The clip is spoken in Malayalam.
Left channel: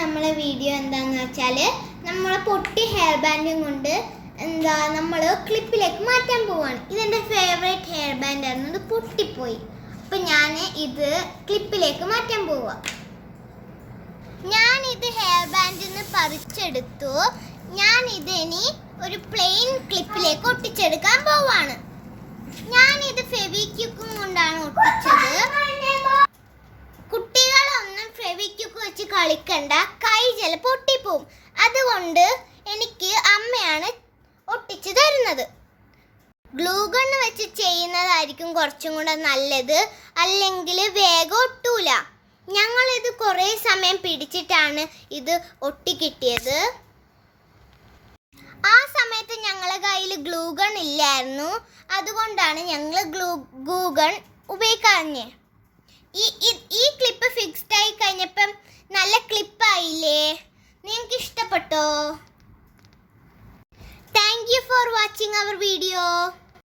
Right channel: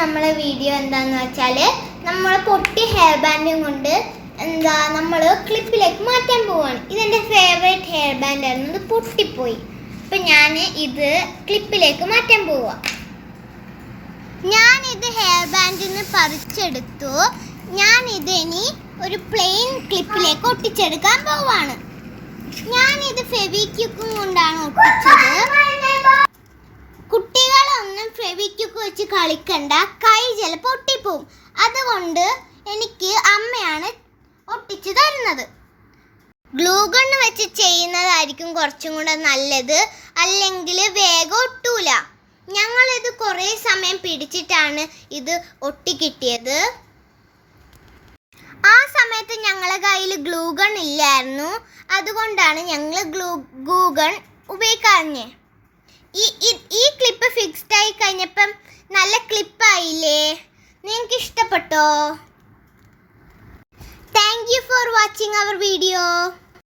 നമ്മളെ വീഡിയോ എന്താന്ന് വെച്ചാൽ നമ്മൾ പൊട്ടി ഹെയർ ബാൻഡും കൊണ്ട് നമ്മൾ ക്ലിപ്പിലേക്ക് മാറ്റാൻ പോവാണ്. ഇതെൻ്റെ ഫേവറേറ്റ് ഹെയർ ബാൻഡ് ആയിരുന്നു, ഇത് പൊട്ടിപ്പോയി. അപ്പം ഞാൻ ഇത് ക്ലിപ്പിലേക്ക് മാറ്റാൻ പോവാ. ഞാനിത് ഹെയർ ബാൻഡിൽ നിന്ന് പറിച്ചെടുത്തു. ഞാനിത് ഇനി ഒരു പ്ലെയിൻ ക്ലിപ്പിലേക്ക് ഒട്ടിച്ചെടുക്കാൻ പോവാണ്. ഞാനിത് ഫെവിക്വിക്കും കൊണ്ടാണ് ഒട്ടിച്ചത്. കുട്ടികളൊന്നും ഫെവിക്വിക്ക് വെച്ച് കളിക്കണ്ട, കൈ ചിലപ്പോൾ പൊട്ടിപ്പോവും. അതുകൊണ്ട് എനിക്ക് അമ്മയാണ് ഒട്ടിച്ചു തരുന്നത്. ഗ്ലൂ ഗൺ വെച്ച് ചെയ്യുന്നതായിരിക്കും കുറച്ചും കൂടെ നല്ലത്, അല്ലെങ്കിൽ വേഗം ഒട്ടൂല. ഞങ്ങളിത് കുറേ സമയം പിടിച്ചിട്ടാണ് ഇത് ഒട്ടിക്കിട്ടിയത്. ആ സമയത്ത് ഞങ്ങളുടെ കയ്യിൽ ഗ്ലൂ ഗൺ ഇല്ലായിരുന്നു, അതുകൊണ്ടാണ് ഞങ്ങൾ ഗ്ലൂ ഗൺ ഉപയോഗിക്കാഞ്ഞേ. ഈ ക്ലിപ്പ് ഫിക്സ്ഡ് ആയി കഴിഞ്ഞപ്പം നല്ല ക്ലിപ്പായില്ലേ? നിങ്ങൾക്ക് ഇഷ്ടപ്പെട്ടോ? Thank you for watching our video.